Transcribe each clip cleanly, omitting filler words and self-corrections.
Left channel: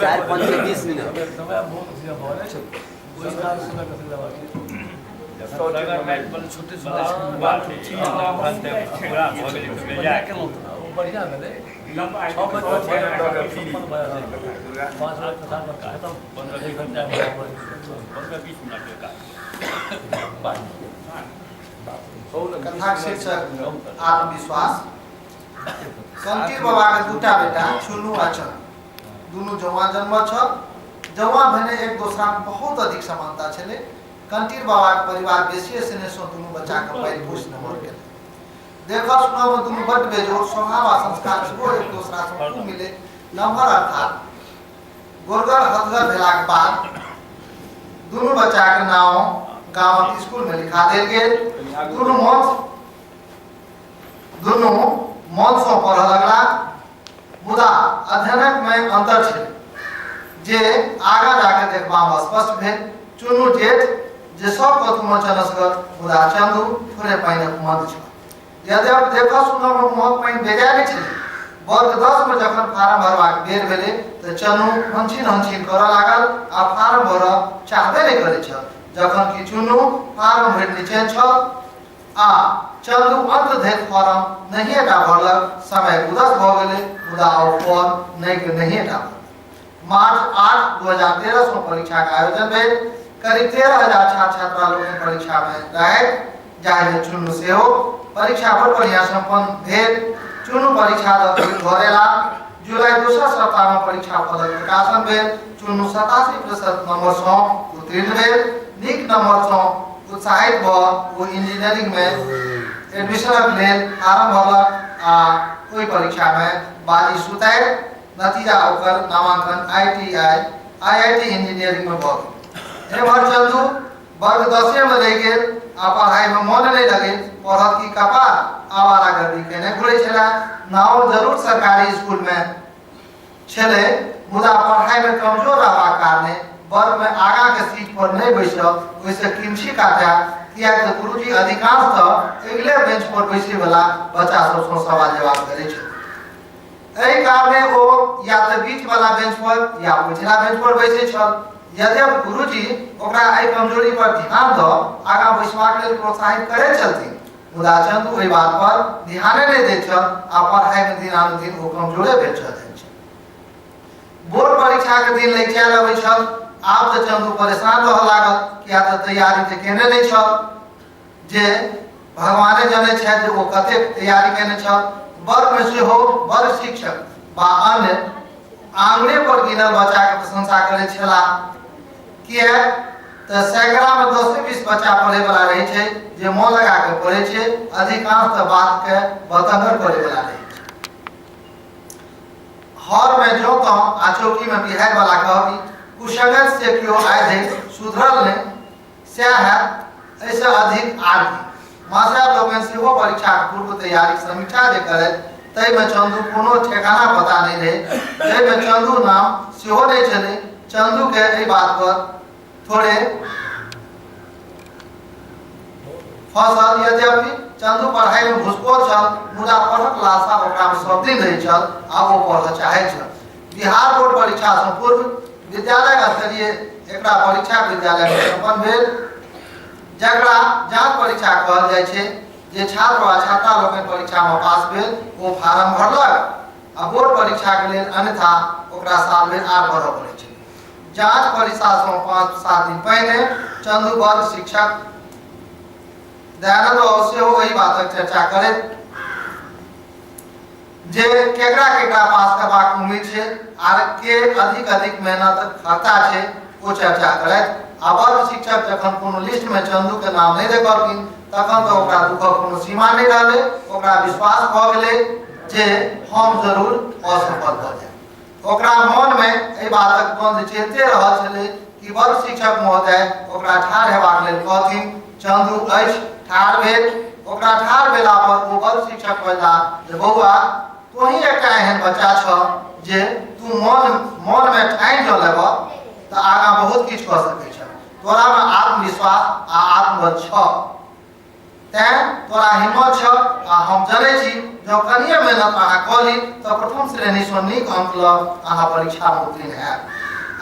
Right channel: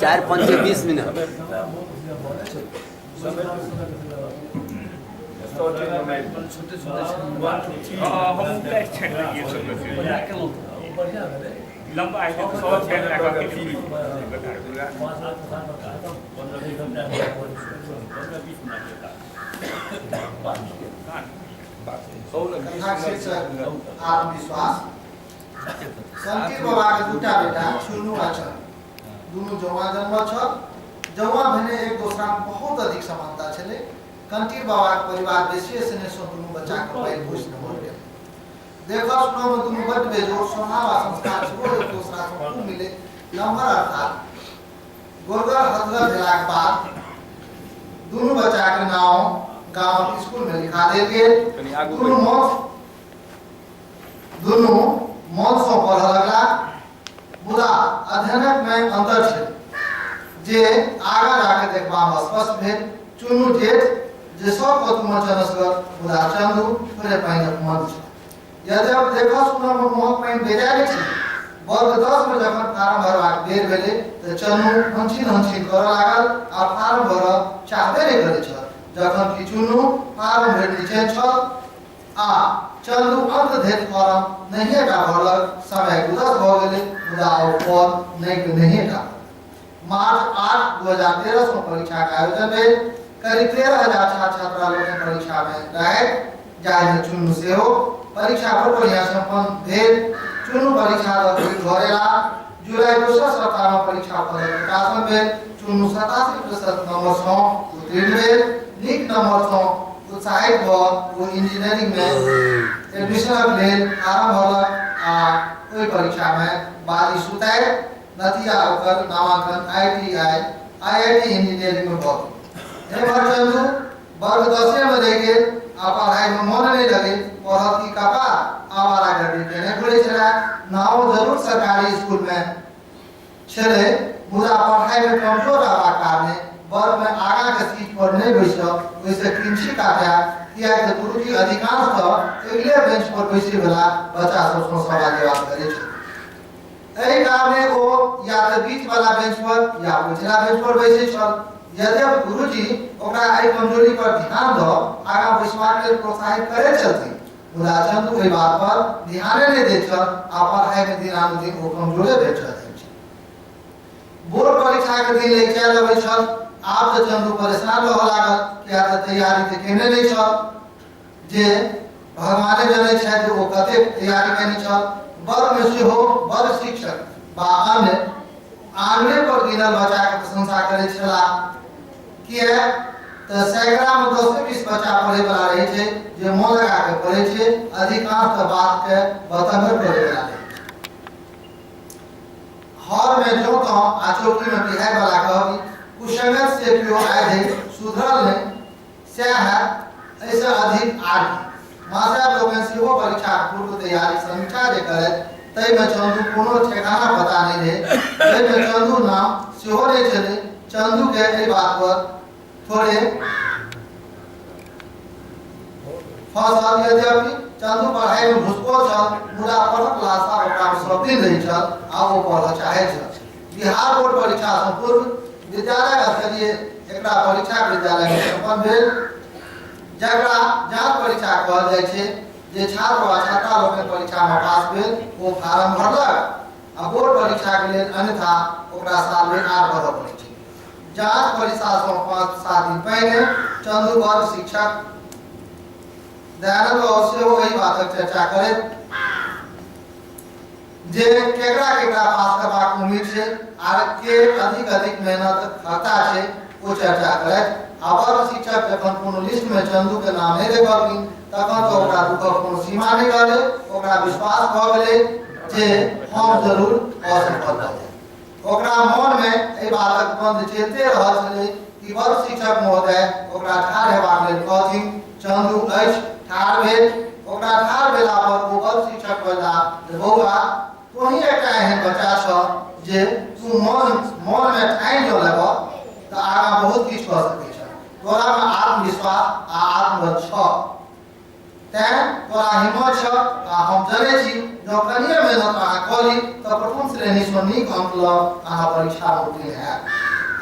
चार 5-20 मिनट छोटे लंबा आएगा तो 106 का फ्री आत्मविश्वास कंकीर बाबा के दूटा बेटा छुनु आ चन दुनु जवान जन्म छ जवान भने एक दोसरा में बहुत अधिक समानता छले कंकीर बाबा के परिवार बेसी स्नेह से दुनु बच्चा के पैर पोष नमर गेले देखा सुना में दुनु बड बेजोर स्वभाव आ संस्कार से वो एक दूसरा से खूब मिले नंबर अर्थात गोरगर हथगर भेला के बाद दुनु बच्चा के नाम गांव के स्कूल में लिखा देल गेल दुनु मौत से पढ़ लगला मुदा अध्ययन में अंतर छे जे आगा जाके देखबा में स्पष्ट भेल चुनु जेठ जे सब कतुम चनसगर मुदा चंदू थोड़े पाइन मंद छ यदि आप देखो सुनो में मोहक पाइन बेजा नहीं छे वर्ग 10 में जखन फार्म भरबाक बेर भेले त चनु हंछिन कर लागल आ फार्म भर चाहबे नहीं करे छ जखन कि चुनु फार्म भर नीचे छ आ चंदू अंत धरि फार्म नहीं टा भरलक समय उदस भ गेले मुदा ओ फॉर्म नहीं टा मार्च 8 2013 में परीक्षा का आयोजन भेल करीब 13,000 छात्र लोग परीक्षा में रहे जाहि में चुनु से हो परीक्षा पर बढ़िया संपन्न भेल चुनु परीक्षा धरेला जुलाई दूसरा सप्ताह में परीक्षा फल प्रकाशन भेल चुनु 87% नंबर से उत्तीर्ण भेल नीक नंबर से उत्साहित भ वो इंजीनियरिंग में एडमिशन लेल फार्म भरलक आ ओई परीक्षा में बाजी सुताय नतीजा ओकर नामांकन IIT इंजीनियरिंग में भर एमहर चंदू वर्ग 10 में रह गेल आ पढ़ाई में मन नहीं लगे पढ़त की कपार आवारागर्दी केने घुरे छला नाओ जरूर सरकारी स्कूल में छले मुदा पढ़ाई में कमजोर रहबा कारणे वर्ग में आगा के सीट पर नहीं बैस वैसे किंची काटा किया तो गुरुजी अधिकांश तो अगले बेंच पर बैसे वाला बच्चा सब सवाल जवाब करे छ एहि कारणे ओ या तो बीच वाला बेंच पर या पिछला बेंच पर बैसे छ यदि गुरुजी ओकरा आई कमजोरी पर ध्यान द आगा बैसबाक लेल प्रोत्साहित करे छथिन मुदा चंदू एहि बात पर ध्यान नहीं दै छ आ पढ़ाई में दिन ओ कमजोरे भेल छ बोर्ड परीक्षा के दिन ले चल अबै छ आप तो चंदू परेशान रह लागल किया तो तैयारी के केने नहीं छ जे भगवाने जाने छ जे ओ कते तैयारी केने छ वर्ग में से हो वर्ग शिक्षक बा अन्य आंगने पर गिनल बच्चा के प्रशंसा करे छला किया तो सैकड़ा में 10 से 20 बच्चा पढ़े वाला रहे छे जे मन लगा के पढ़े छे अधिकांश तो बात के बतंगर करे वाला रहे छे हर में जो तो आचौकी में बिहार वाला कहबी कुशंगत से क्यों आए थे सुधरल ने से है ऐसा अधिक आदि मास्टर लोगन से वो परीक्षा पूर्व तैयारी समीक्षा जे करे तै में चंदू कोनो ठिकाना पता नहीं रहे तै में चंदू नाम सेहो नहीं चले चंदू के एई बात पर थोड़े फसल यद्यपि चंदू पढ़ाई में घुसखोर छल मुदा पढ़क लाशा ओकरा में सब दिन रही छल आ वो पढ़ चाहे छल बिहार बोर्ड परीक्षा से पूर्व विद्यालय स्तरीय एकरा परीक्षा विद्यालय में संपन्न भेल जकरा जांच परीक्षा कहल जाय छे जे छात्र वा छात्रा लोग परीक्षा में पास भेल वो फार्म भरलक आ बोर्ड परीक्षा के लेल अन्यथा ओकरा साल में 8 भरऽ पड़ै छै जांच परीक्षा से 5-7 दिन पहले चंदू वर्ग शिक्षक दयानंद अवश्य वही बातक चर्चा करे जे केकरा पास करबाक उम्मीद छे आर के अधिक मेहनत करता छे वो चर्चा करे आ वर्ग शिक्षक जखन कोनो लिस्ट में चंदू के नाम नहीं देखलखिन तखन तो ओकरा दुखक कोनो सीमा नहीं रहले ओकरा विश्वास भ गेले जे हम जरूर असफल भ जाय ओकरा मन में ए बातक बंद चलते रहल छले कि वर्ग शिक्षक महोदय ओकरा ठाढ़ हेबाक लेल कहथिन चंदू अछि ठाढ़ भेल ओकरा ठाढ़ भेला पर ओ वर्ग शिक्षक कहला जे बौआ तोही एकटा एहन बच्चा छ जे तू मन में ठानि जो लेब त आगा बहुत किछ क सकै छ तोरा में आत्मविश्वास आ आत्मबल छ तैं तोरा हिम्मत छ आ हम जनै छी जो कनिए मेहनत अहाँ करी तऽ प्रथम श्रेणी सँ नीक अंक ल अहाँ परीक्षा में उत्तीर्ण हैब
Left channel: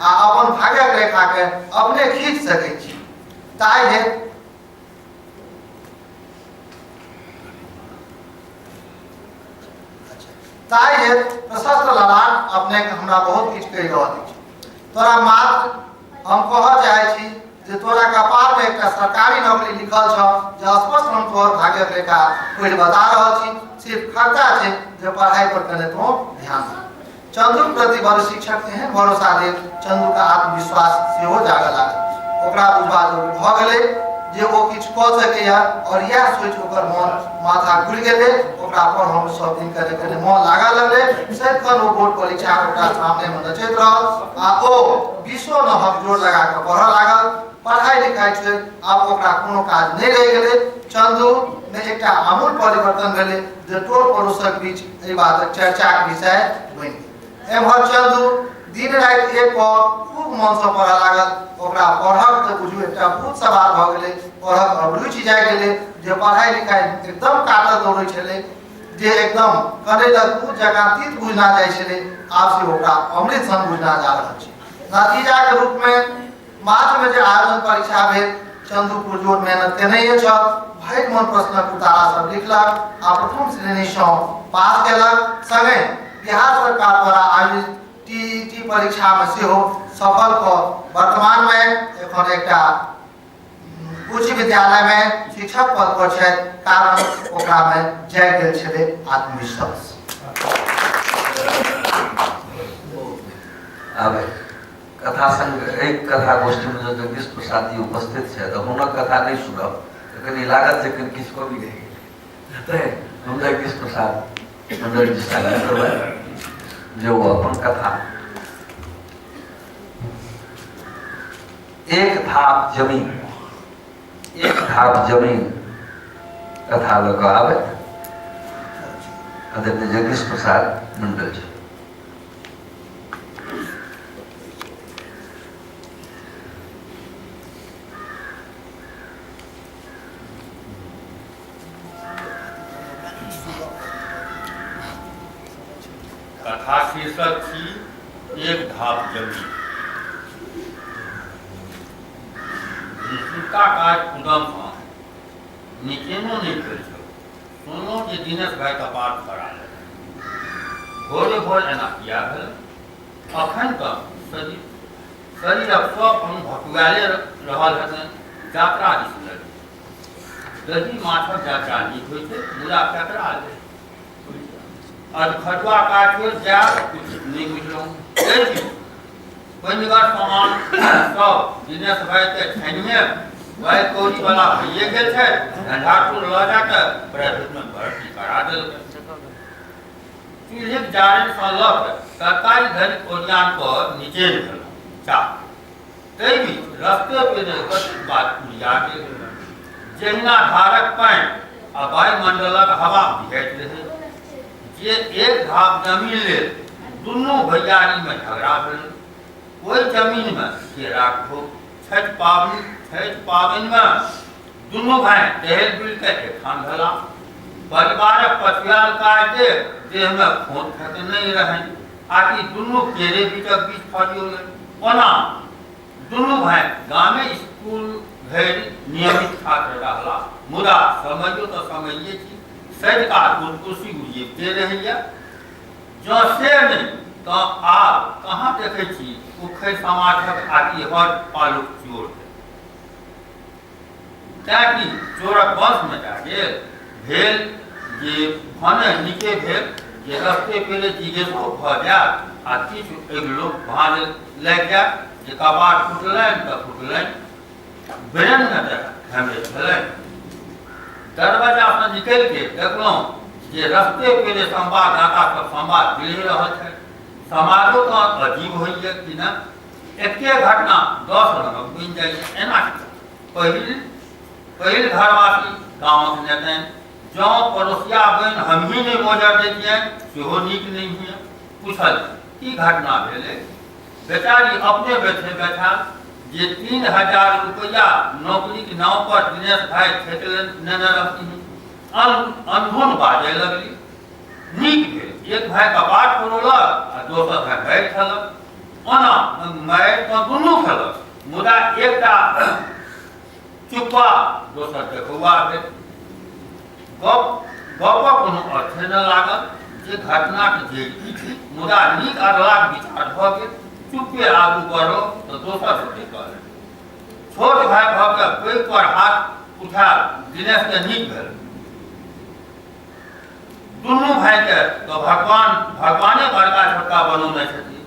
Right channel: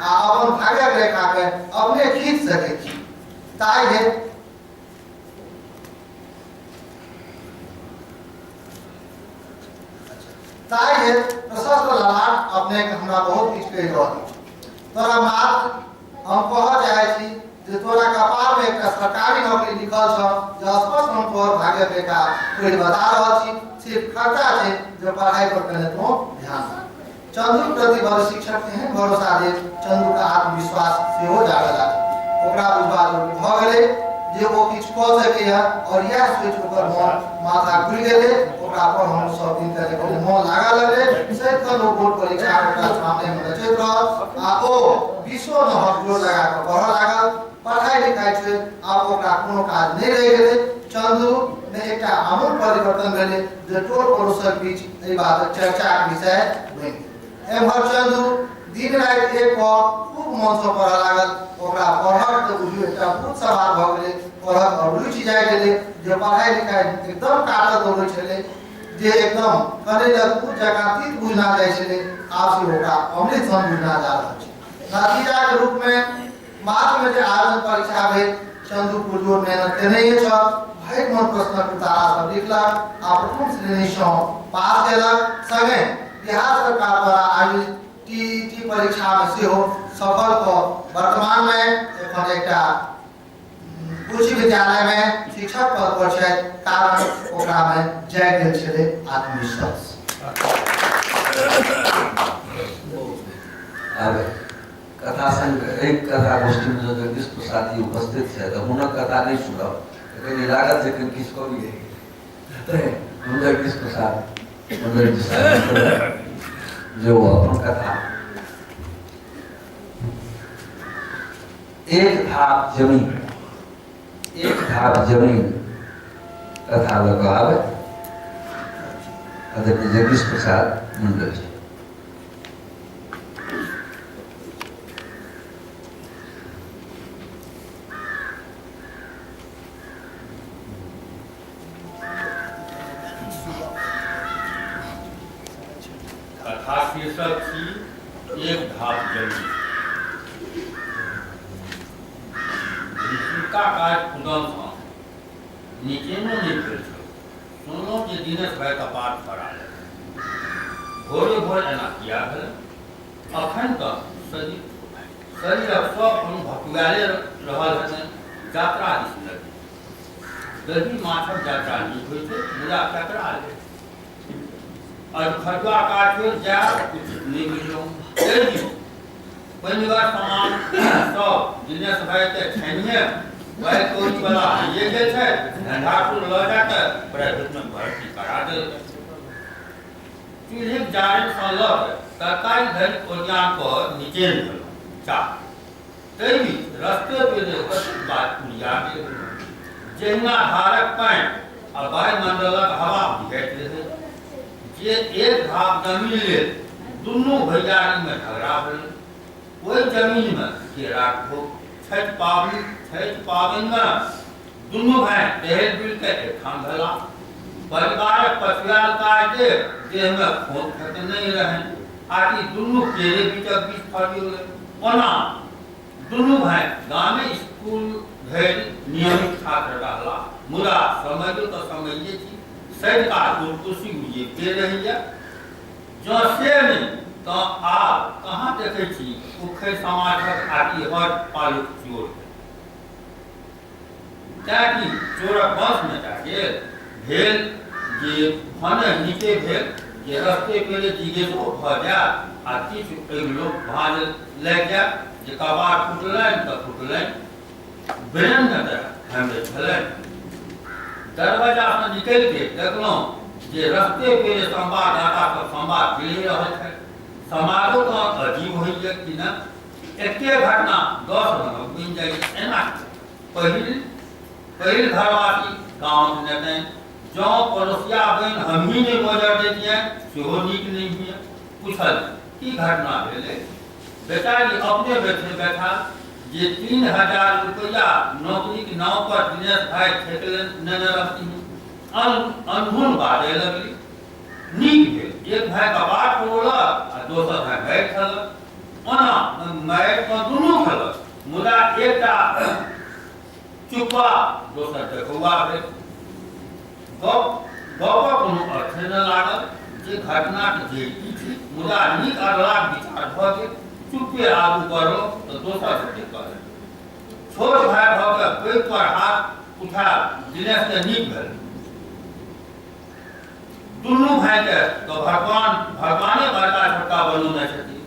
आ अपन भाग्यक रेखा के अपने खींच सकै छी। ताहि हेतु प्रशस्त ललाट अपने के हमरा बहुत किछु कहि रहल अछि। तोरा मात्र हम कहऽ चाहै छी जे तोरा कपार में एकटा सरकारी नौकरी लिखल छ जे स्पष्ट हम तोहर भाग्यक रेखा कोई बता रहल छी, सिर्फ खर्चा छै जे पढ़ाई पर कने तो ध्यान दे। चंदू प्रति बड़ शिक्षक एहन भरोसा दे चंदू का आत्मविश्वास सेहो जागऽ लागल। ओकरा बुझबा जरूर भऽ गेलै जे ओ किछु कऽ सकैया और यह सोच ओकर मन माथा खुलि गेलै। ओकरा पर हम सब दिन करे करे मन लागऽ लगलै। सैकन ओ बोर्ड परीक्षा ओकरा सामने में नचैत रहल आ ओ विश्व न हम जोर लगा कऽ पढ़ऽ लागल। पढ़ाई लिखाई छोड़ि आब ओकरा कोनो काज नहीं रहि गेलै। चंदू में एकटा आमूल परिवर्तन भेलै जे टोल पड़ोसक बीच एहि बातक चर्चाक विषय बनि गेल। एम्हर चंदू दिन राति एक खूब मन से पढ़ऽ लागल। ओकरा पढ़क तऽ बुझू एकटा भूत सवार भऽ गेलै। पढ़क अब रुचि जागि गेलै जे पढ़ाई लिखाई एकदम काटऽ दौड़ै छलै जे एकदम करै लग भूत जकाँ तीत बुझना जाइ छलै। आब से ओकरा अमृत सन बुझना जा रहल छै। नतीजा के रूप में मार्च में जे आवेदन परीक्षा भेल चंदू पुरजोर मेहनत केने छ। भरि मन प्रश्नक उत्तर सब लिखलक आ प्रथम श्रेणी सँ पास केलक। संगे बिहार सरकार द्वारा आयोजित टीईटी परीक्षा में सेहो सफल क वर्तमान में एखन एकटा उच्च विद्यालय में शिक्षक पद पर छै। कारण ओकरा में जागि गेल छलै आत्मविश्वास। आबे कथा संग एक कथा गोष्ठी में जगदीश प्रसाद जी उपस्थित है तो हुनक कथा नहीं सुनब तो कहीं लागत है कि किछु कमी रह गेलै। हम जगदीश प्रसाद मंडल जी साहब जो अपन कथा एक थाप जमीन कथा लगा आवे आदरणीय जगदीश प्रसाद मंडल जी। कथा शीर्षक थी एक धाप जमीन। का काज कुदम सँ नीचेनो नहीं भेल छल। सुनलहुँ जे दिनेश भाई कपार फड़ा लेलनि। भोरे भोर एना किया भेल? अखन तक शरीरक सब अंग भटुआले रहल हेतनि। यात्रा दिस लगी दही माछक यात्रा नीक होइ छै मुदा कतरा ले खटुआ काज छोड़ि जायब उचित नहीं बुझलहुँ। पहिनिगर सामान सब दिनेश भाई के छानिए वही कोई वाला भइए गेल छै। झंझारपुर लऽ जाके प्राइवेट में भर्ती करा देलकै। चूल्हिक जारनि सँ लऽ कऽ तरकारी धरि ओरियान पर नीचे निकललहुँ चाह। ताहि बीच रस्ते पे कतेक बात उड़िया गेल। जहिना धारक पानि आ वायुमंडलक हवा बिहैत रहै जे एक भाग जमीन लेल दुनू भैयारी में झगड़ा भेल। ओहि जमीन में केरा ठोक छठि पाबनि में दुनू भाई टहल बुल के एकठाम भेला। परिवारक पछुआल काज देह में खोट खत नहीं रहनि आकि दुनू केरे बीचक बीच फरियोलै। ओना दुनू भाई गामे स्कूल धरि नियमित छात्र रहला। मुदा समझो तो समझिए छी सदिकाल कुर्सी उड़िए रहैया। जँ से नहीं तो आब कहाँ देखे छी उखै समाजक आदि हर पालुक चोर ताकि चोरक वंश में जाके भेल जे भने नीचे भेल जे रस्ते पेले जिज्ञेसो भऽ जायत आ किछु एगो भाँज लागि जायत जे कबाड़ फुटलनि तऽ फुटलनि ब्रेन में हेमरेज भेलनि। दरवाजा से निकल के देखलहुँ जे रस्ते पेले संवाददाता सब संवाद दे रहल छथि। समाजो तो अजीब होइए कि न एके घटना 10 रंगक बनि जाइए। एना पहिल घरवासी गाँवक नेतनि जँ पड़ोसिया बनि हमही नहीं बजऽ दैतियनि सेहो नीक नहीं हुए। पूछल की घटना भेलै? बेचारी अपने बैठे बैठा जे 3000 रुपया नौकरी के नाम पर दिनेश भाई ठेक लेने रहती अनधुन बाजे लगली नीक भेल एक भाई कपाट खोलक आ दोसर भाई मारि खेलक ओना मारि तऽ दुनू खेलक मुदा एकटा चुप्पा दोसर देखुआ भेल गपक कोनो अर्थ न लागल जे घटनाक जे थी मुदा नीक अगलाक विचार भऽ गेल चुप्पे आगू बढ़ो तऽ दोसर से कह छोट भाई भऽ के पैर पर हाथ उठा दिनेश के नीक भेल दुनू भाई के तो भगवाने बड़का छोटका बनौने छथिन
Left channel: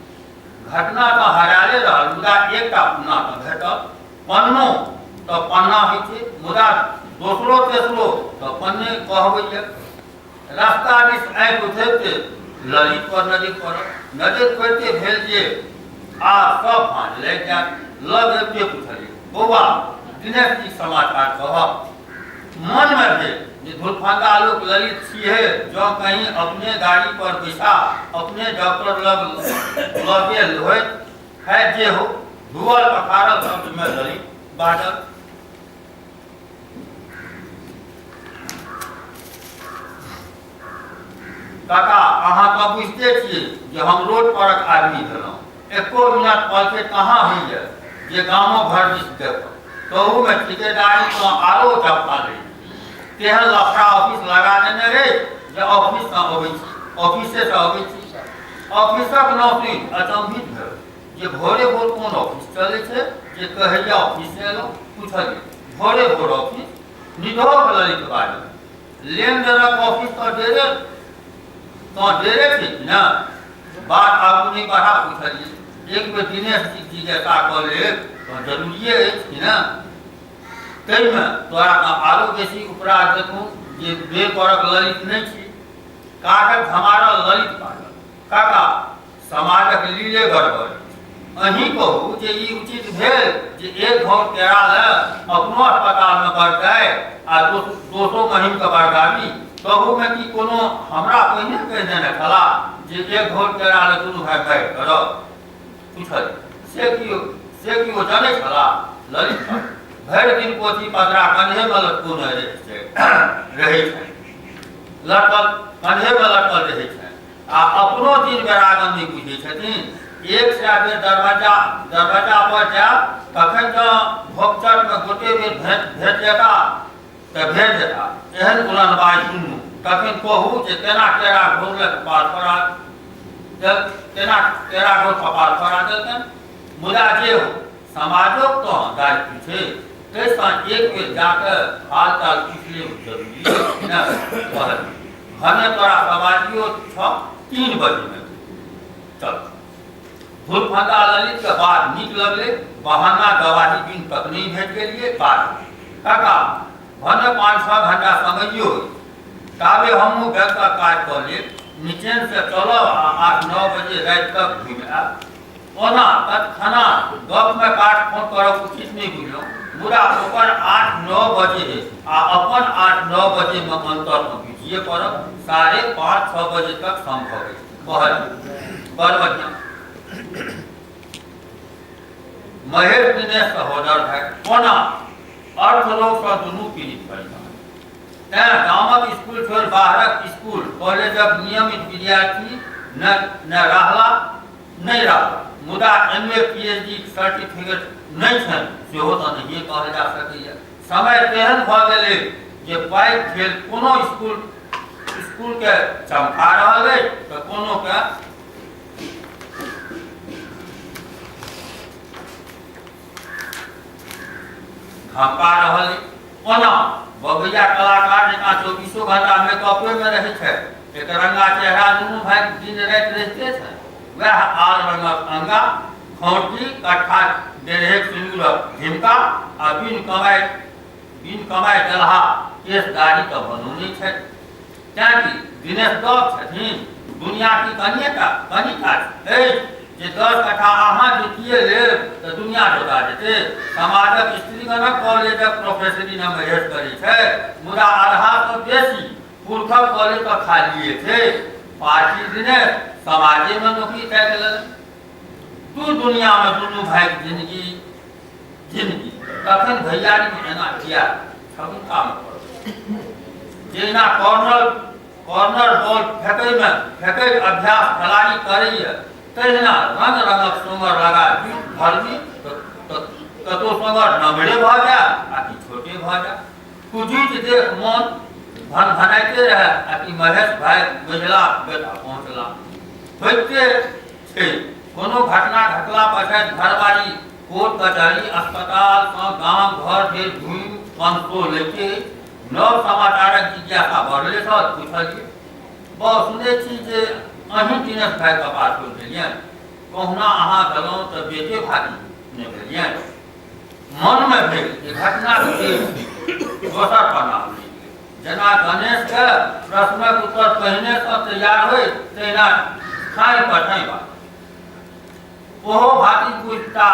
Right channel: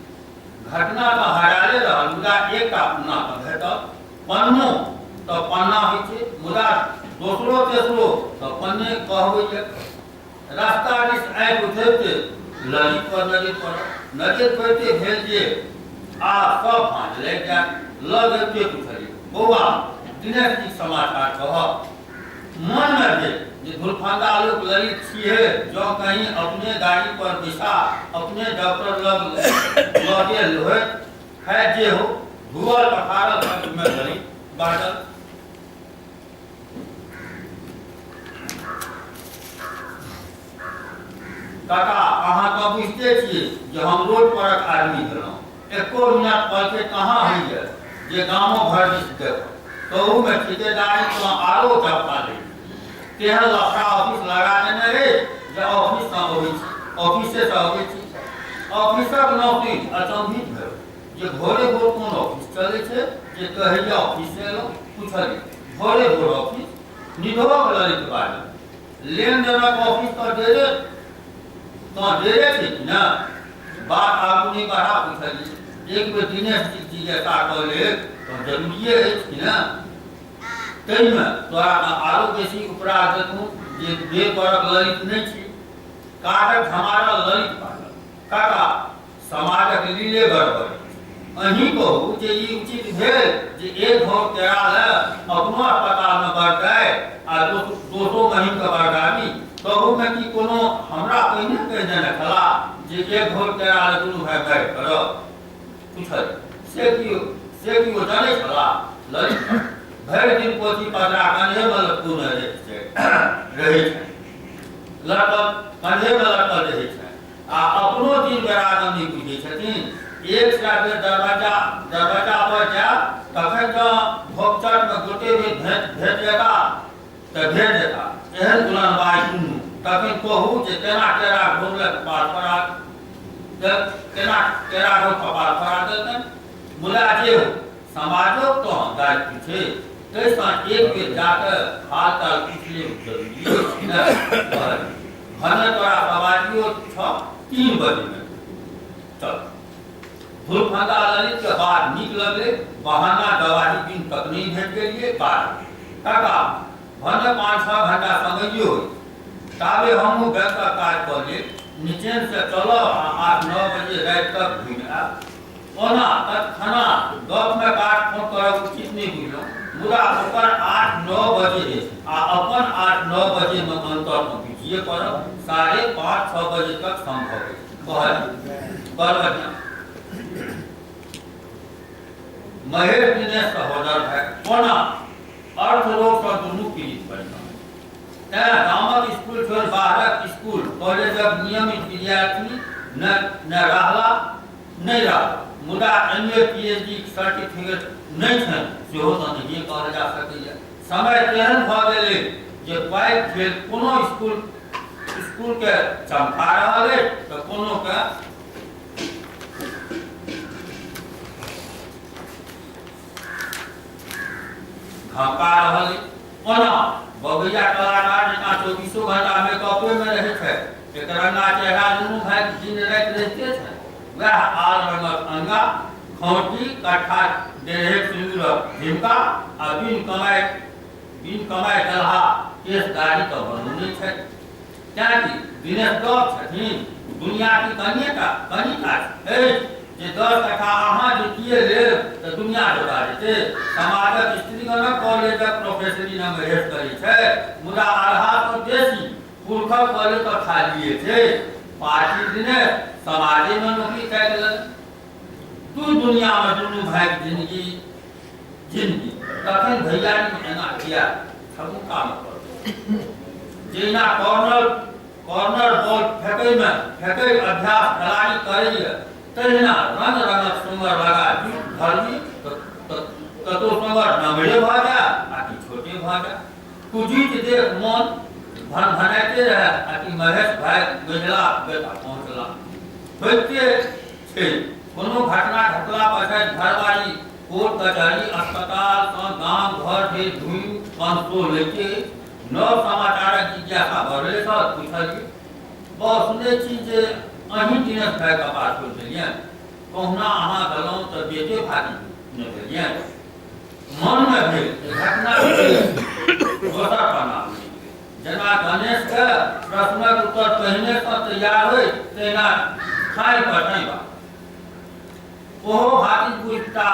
घटना तऽ हराले रहल मुदा एकटा पन्ना तऽ भेटल पन्नो तऽ पन्ना होइ छै मुदा दोसरो तेसरो तऽ पन्ने कहबै रास्ता दिस आँखि उठैते ललित पर नजर पड़ते भेल जे आ सब भाँज लागि जाय लग अबिते पुछलियै बौआ दिनेश जी समाचार कहब मन में जे धुरफंदा लोग ललित छियै जो कहीं अपने गाड़ी पर बैसा अपने डॉक्टर लग गेल होय है जे हो धुअल पखारल शब्द में ललित बाजल काका अहाँ तो बुझते छियै जे हम रोड पर आदमी भेलहुँ एको मिनट पलके कहाँ होइए जे गामो घर दिस देखब तहू में ठिकेदारी तो आरो चपका लै तेहन लफड़ा ऑफिस लगा देने रे जे ऑफिस से अबै छी ऑफिसे से अबै छी ऑफिसक नौकरी अचंभित भेल जे भोरे भोर कोन ऑफिस चलै छै जे कहैया ऑफिस से एलहुँ पूछलियै भोरे भोर ऑफिस निधोक ललित बाजल लेन देनक ऑफिस तो डेरे थी ना बात आगू नहीं बढ़ा पूछलिए एक बेर दिनेश जी जैसा कह ले तो जरूरिए कि ना तई में तोरा आरो बेसी उपरा देखूं जे बे परक ललित नहीं छी कागज हमारा ललित पागल काका समाजक लीले गड़बड़ अहीं कहू जे ई उचित भेल जे एक घोर तेरा ले अपनो अस्पताल में बढ़ जाए आ दोसो महीन के बरगामी कहू में कि कोनो हमरा पहिने कहि देने छला जे एक घोर तेरा ले दुनू भाई बैठ करब पूछल से कि वो जाने छला ललित भरि दिन पोथी पत्रा कंधे में लटकल रहै छै लटकल कंधे में लटकल रहै छै आ अपनो दिन बेरागन नहीं बुझै छथिन एक से बेर दरवाजा पर जायब तखन जँ भोगचट में गोटे बेर भेट जेता तऽ भेट जेता एहन उलनबाई सुनू तखन कहू जे केना केरा घोरले कपाल फरा देलकनि मुदा जे हो समाजक तो दायित्व छै तैसा एक बेर जाकर हाल चाल पूछ ले जरूरी है भने तोरा समाजियो 3 बजे में चल धुरफंदा ललित के बाद नीक लगले बहाना गवाही बिन तक नहीं भेट गेलिए बात काका भने 5-6 घंटा समझियो ताबे हमहूँ घर का काज कर ले नीचे से चलो 8-9 बजे रात तक घूम आब ओना तत्क्षणा गप में काट फोन करब उचित नहीं बुझलहुँ मुदा ओकर 8-9 बजे आ अपन 8-9 बजे में अंतर में बुझिए पड़ब 5:30-6 बजे तक संभव है बड़ बढ़िया महेश दिनेश सहोदर है कोना अर्थ लोग का दुनू पीड़ित परिवार तैं गामक स्कूल छोड़ बाहरक स्कूल कॉलेजक नियमित विद्यार्थी न रहला नहीं रहला मुदा MA PhD सर्टिफिकेट नहीं छै सेहो तऽ नहीं कहल जा सकैए समय तेहन भऽ गेलै जे पाइ खेल कोनो स्कूल के चमका रहल है तऽ कोनो के धमका रहल है ओना बबैया कलाकार जकाँ 24 घंटा मेकअपे में रहै छै एक रंगा चेहरा दुनू भाई दिन राति रहिते छै वह आर रंगक अंगा खौटी कट्ठा डेढ़ सिंदूरक झिमका आ बिन कमाई दलहा केस दाढ़ी तो बनौने छै कियाकि दिनेश दब छथिन दुनिया की कनिटा अछि जे 10 कट्ठा अहाँ जीतिए लेब तऽ दुनिया जोगा जेतै समाजक स्त्रीगणक कॉलेजक प्रोफेसरी नाम हेस करै छै मुदा आधा तो बेसी पुरखक कॉलेज तो खालिए छै पार्टी दिनेश समाजे में नौकरी कए गेलन दुनिया में दुनू भाई जिंदगी जिंदगी तखन भैयारी में एना किया छबू काम कर जेना कॉर्नर बॉल फेंकै अभ्यास खिलाड़ी करैया तहिना रंग रंगक सुंगर लगा जूट भरबी कतो सुंगर नमरे भ जा आ कि छोटे भ जा कुजीत देख मन भनभनाइते रहे आ कि महेश भाई महिला बेटा पहुंचला होइते छै कोनो घटना घटला पछाति घरवारी कोर्ट कचहरी अस्पताल सँ गांव घर जे धुई कंसो लेके नव समाचारक जिज्ञासा बढ़ले छ पूछलिए बहुत सुनै छी जे अहीं दिनेश भाई कपार खोल देलियन कहुना अहाँ गलौं तऽ बेटे भागी ने भेलियन मन में भेल घटना दोसर पन्ना जेना गणेश के प्रश्नक उत्तर पहिने सँ तैयार होय तहिना खाइ पठाइ बा ओहो भाती बुझता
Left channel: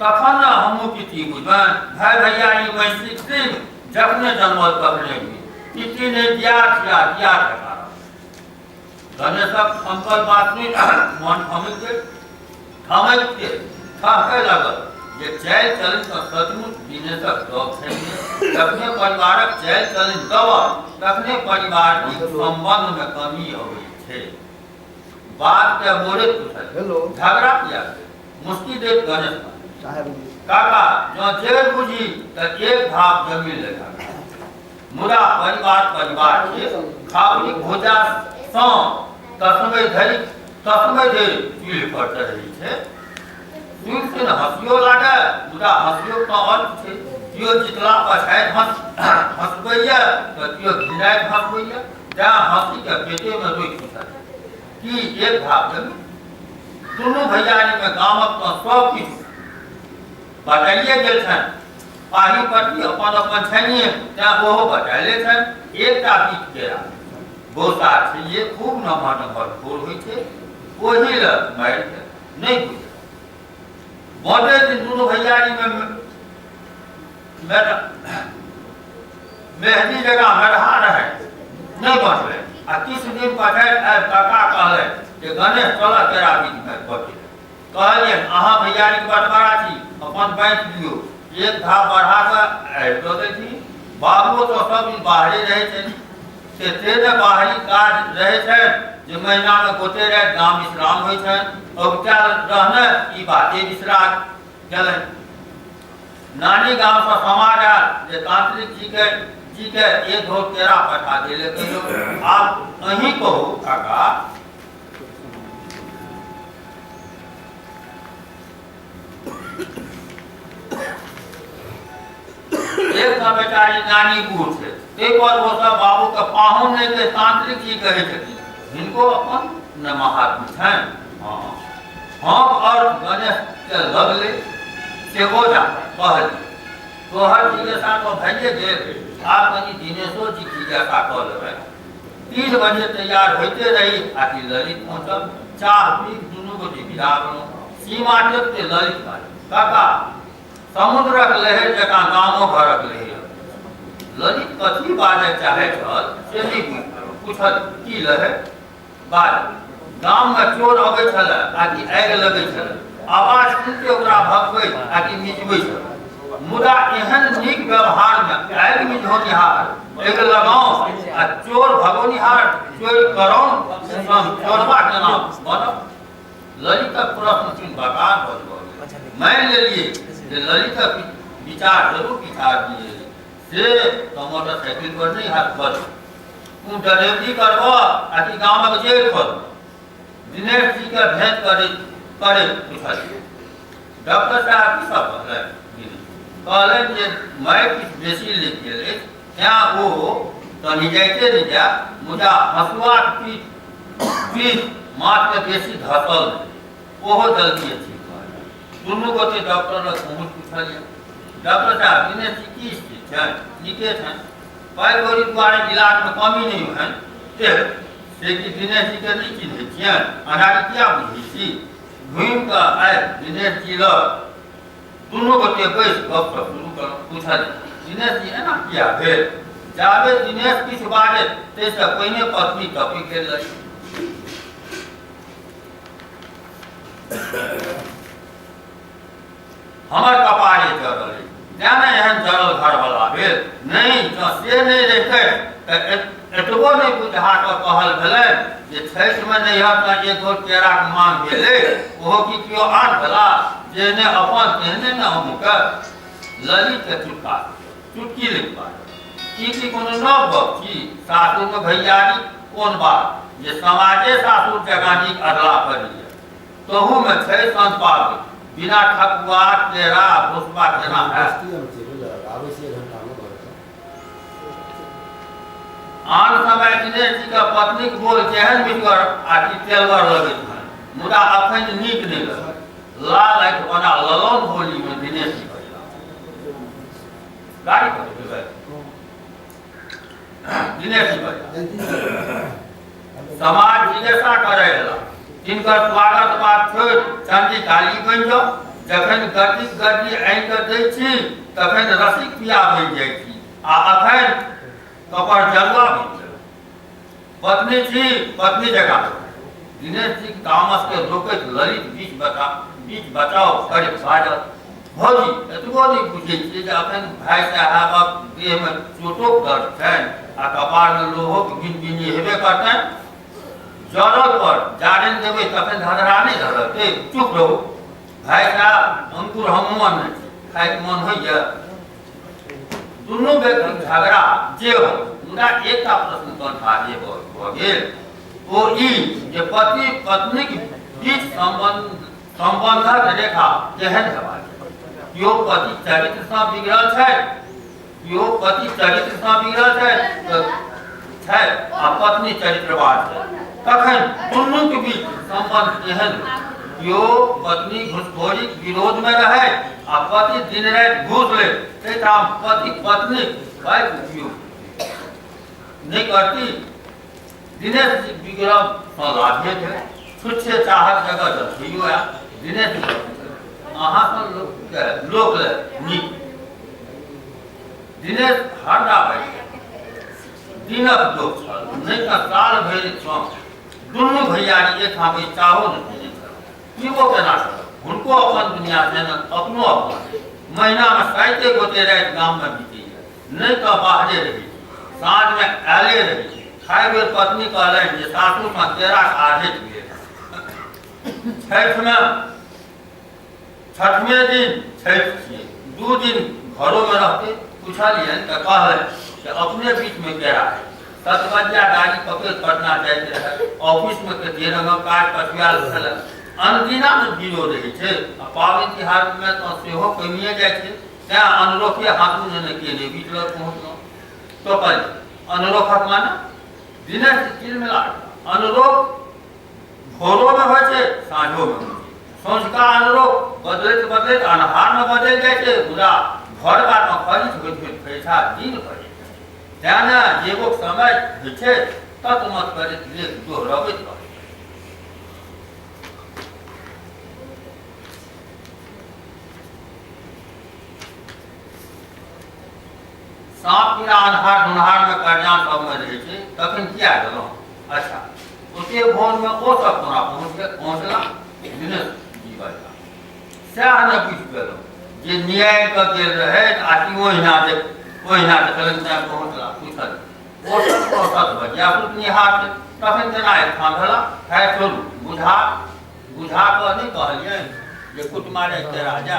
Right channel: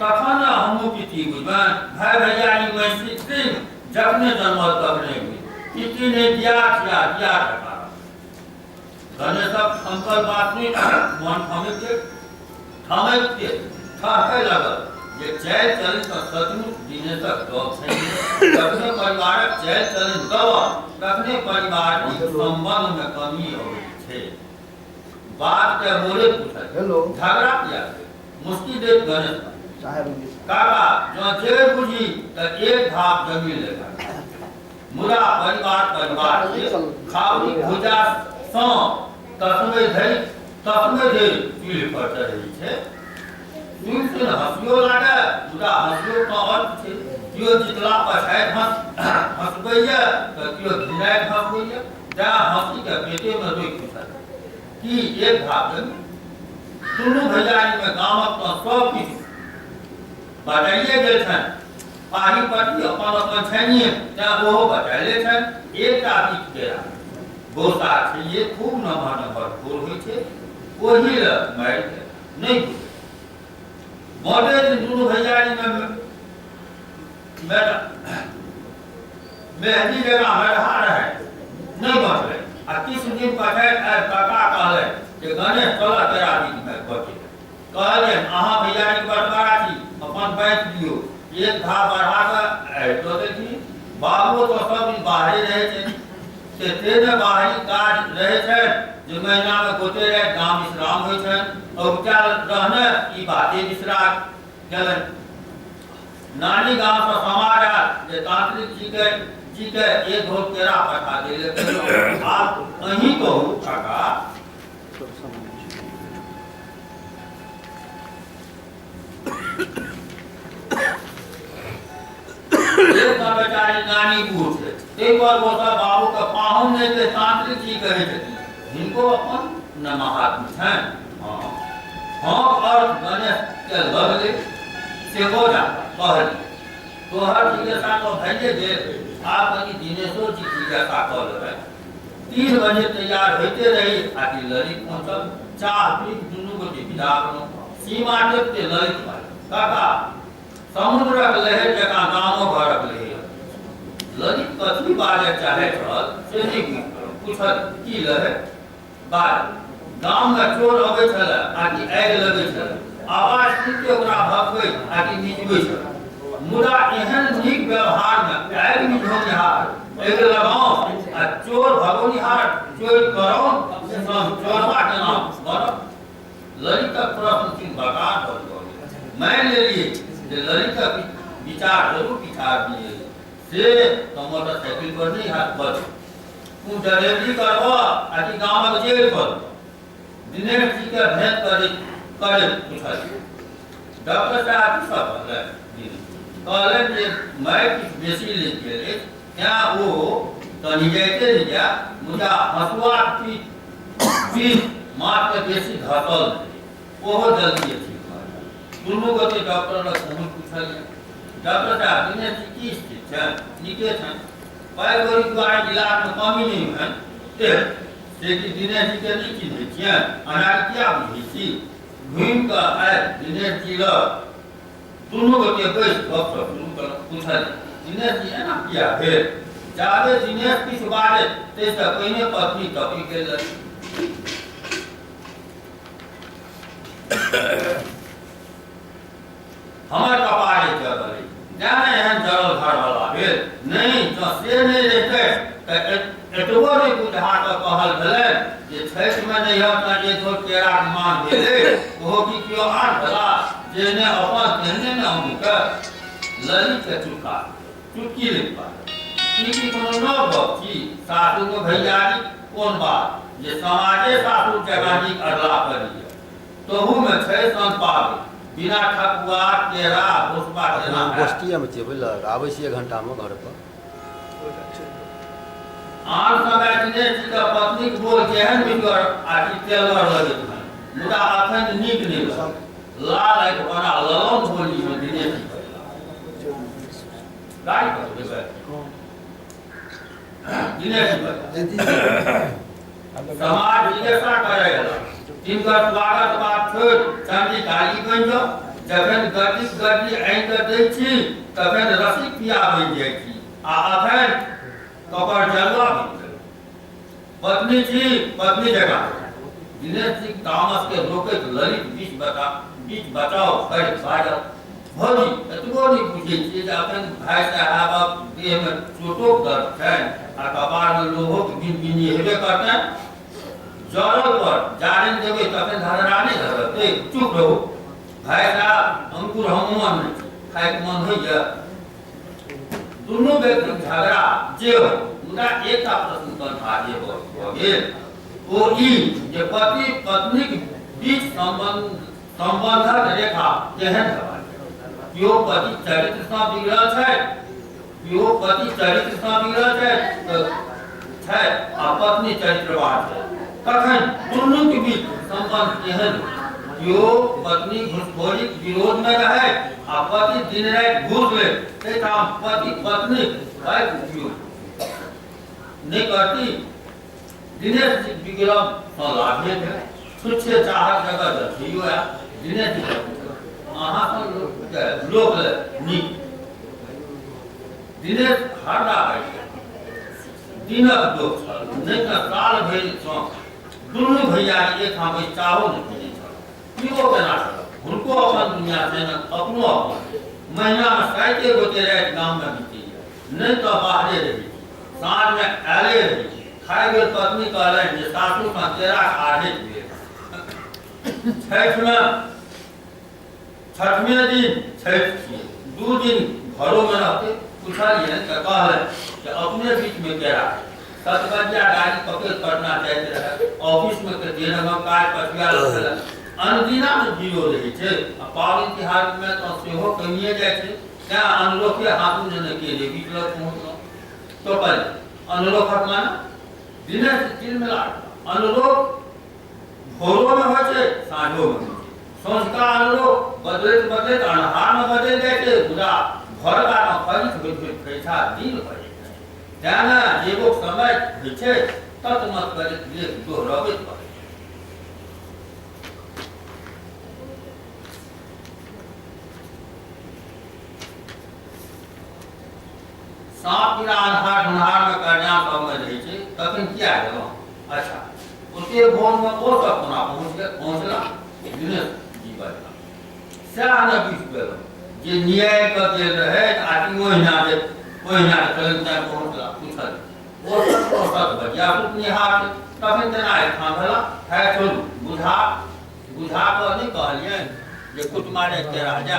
तखन हमहूँ किति बुझबन भाई भैयारी मैथिक सिंह जखने जन्मल तखने किति ने दिया ठका गणेशक संकल्प बात नहीं मन थमैक के ठहकै लगल जे चालि चलन तऽ सचमुच दिनेशक गप छै जखने परिवारक चालि चलन दब तखने परिवार संबंध में कमी अबै छै बात के मोरे पूछल हेलो झगड़ा किया मुश्किल देख गणेश काका जो जेल बुझी तऽ एक भाग जमीन लेगा मुदा परिवार के खावली भोजा सँ तस्मै धरि चूल्हि पर चढ़ै छै सुनि सुनि हँसियो लागे मुदा हँसियो के अर्थ छै केओ जितला पछाति हँसबैया तऽ केओ घिनाइत हँसबैया जँ हँसी के पेटे में रोकि पूछल कि एक भाग जमीन दुनू भैयारी में गामक तऽ सब किछु बताइए गेल छनि पाही पट्टी अपन छनिए तेँ ओहो बताइले छनि एकटा बीच केरा बोसा छै ये खूब नमहर खोर होइ छै ओही ल मारि नहि बुझे बड़े दिन दुनू भैयारी में मेहदी जगह मरहा रहे नहीं बचले आ किछु दिन पछाति आबि काका कहले जे गणेश चल तेरा बीच में बचे कहलिए अहाँ भैयारी बटवारा छी अपन बाँटि लियो एक धा बढ़ा के तो देखी बाबू तो सब दिन बाहरे रहे छे तेने बाहरी काज रहे छे जे महीना में गोटे रहे गांव विश्राम होइ छे और क्या रहने ई बाते विश्रा गेल नानी गांव से समाज आयल जे तांत्रिक जी के एक ढोल केरा पठा देले कहियो आप अहीं कहू काका एक बेचारी नानी बूढ़ थे ते पर वो सब बाबू के पाहुन ने के तांत्रिक जी कहे थे जिनको अपन न महात्मा छन हां अर्थ गणेश के लगले से हो जा कहल तो हर जिज्ञासा को भैये दे आप कनी दिनेशो जी जिज्ञासा कर लेबे 3 बजे तैयार होते रही आकि ललित पहुंचल चाह पी दुनू को विदा बनो सीमा देते ललित काका समुद्रक लहर जकाँ गामो घरक लहर ललित कथी बाजे चाहे छल से नहीं पूछल की लहर बाज गाम में चोर अबै छल आकि आगि लगै छल आवाज सुनते ओकरा भगबै आकि मिजबै छल मुदा एहन नीक व्यवहार में आगि मिझौनिहार आगि लगाओ आ चोर भगोनिहार चोरी करो चोरबा केना बनब ललितक प्रश्न चिन्ह बकार भऽ गेल मान लेलिए जे ललित विचार जरूर विचार दिए से तो मोटरसाइकिल पर नहीं हाथ पर तू ड्राइवरी करबो आकि गांव में जेल कर दिनेश जी के भेंट करे पूछल डॉक्टर साहब की सब कहले जे मैं किछ बेसी लिख गेले त्या वो तनी जाइते नहीं जा मुझा हसुआ पीठ माथ के बेसी धसल ओहो जल्दी अछि दुनू गोटे डॉक्टर लग पहुँच पूछलिए डॉक्टर साहब दिनेश जी की स्थिति है नीके है पाई गोरी द्वारा इलाज में कमी नहीं है से कि दिनेश जी के नहीं चिन्ह छियै अनाज क्या बुझी छी घूम के आए दिनेश जी ल दुनू गोटे बैस गप शुरू कर पूछलिए दिनेश जी एना किया भेल जाबे दिनेश किछ बाजे तै से पहिने पत्नी टपी गेल हमर कपारे चढ़ल से नहीं रहते एतबो नहीं बुझा कऽ कहल भेलै जे छठिमे नहि हटना जे दो केराक मांग भेलै ओहो कि केओ आन भेला जे ने अपन केहने न अमुके ललित चुटकी लिख पार ई कोनो नव गप छी सासुरमे भैयारी कोन बात जे समाजे सासुर जगानीक अदला करी तहूमे छै संपादित बिना ठकुआ केरा भुसबा देना गोष्ठीमे छै बुझलक आबै छी 1 घंटामे घर पर आन समय दिनेश जी के पत्नी के बोल केहन बिगर आ कि तेलवर लगैत है मुदा अखन नीक नहि लगल लाल आँखि बना ललन बोली में दिनेश जी बजला गाड़ी पर बैठे दिनेश जी बजला समाज जिज्ञासा करे गला तिनकर स्वागत बात छोड़ चांदी काली बनि जाओ जखन गद्दी आँखि दै छी तखन रसिक पिया बनि जाइ छी आ अखन कपर जलवा बनि पत्नी छी पत्नी जगह दिनेश जी तामस के रोकैत ललित बीच बचाओ कर बाजल भौजी एतबो नहीं पूछे छी जे अखन भाई साहबक देह में चोटोक दर्द छनि आ कपार में लोहोक बिनबिनी हेबे करतनि जरल पर जारन देबै तखन धड़रानी धरते चुप रहू भाई साहब अंकुर हमन नहीं खाइ मन होइए दुनू व्यक्ति झगड़ा जे हो मुदा एकटा प्रश्न कंठा जे भ गेल ओ ई जे पति पत्नीक बीच संबंधक रेखा केहन हेबाक केओ पति चरित्र सँ बिगड़ल छै केओ पति चरित्र सँ बिगड़ल छै आ पत्नी चरित्रवान छै तखन दुनू के बीच संबंध केहन केओ पत्नी घूसखोरीक विरोध में रहे आ पति दिन राति घूस ले तेठाम पति पत्नी का उपयोग नहीं करती दिनेश जी विक्रम सँ लाभे थे छुच्छे चाहत जगह रखियो या दिनेश जी अहाँ सँ लोक ले नीक दिनेश हरदा बैठ दिनक दोष छल नहीं तऽ साल भरि सँ दुनू भैयारी एक ठाम चाहो नहीं पीबो केना छल हुनको अपन दुनिया छै न अपनो अपन महीना में 7 गोटे राति गाम में बीती नहीं तो बाहरे रही साँझ में आले रही खाए बेर पत्नी कहलनि जे सासू सँ केरा आधे भेल छठवें दिन छठि छियै 2 दिन घरों में रहते पूछलियनि तऽ कहलनि कि अपने बीच में केरा है 7 बजिया गाड़ी पकड़ पटना जाइत रहे ऑफिस में के दिन काज पठिया रहल अनदिना में भीड़ो रही है पाबनि तिहार में तो सेहो कमिए जाए तें अनुरोखे हाथू जने के लिए बीच में पहुँचल तो कल अनुरोखक माना दिनेश तिलमिला अनुरोख भोरों में हो साँझों में हो संझका अनुरोख बदलैत अनहार में बदल जाए मुदा घर बार में खरीद पैसा दिन हो जाए तेना जेगो समय है तत्मत कर लेख दोहरबैत पड़े सांप कीड़ा अन्हार ढूंढार में कल्याण सब में रहे छे तखन किया गेलो अच्छा ओते भोर में ओ सब कोना पहुंचला दिनेश जी बजला सएह ने बुझि गेलो जे न्याय क के रहे आदमी ओहिना जे कलम तक पहुंचला पूछल ओ सब बजिया सुत निहार तखन जना ठाम भेला है चलू बुझा क नहीं कहलिए जे कुटमारे के राजा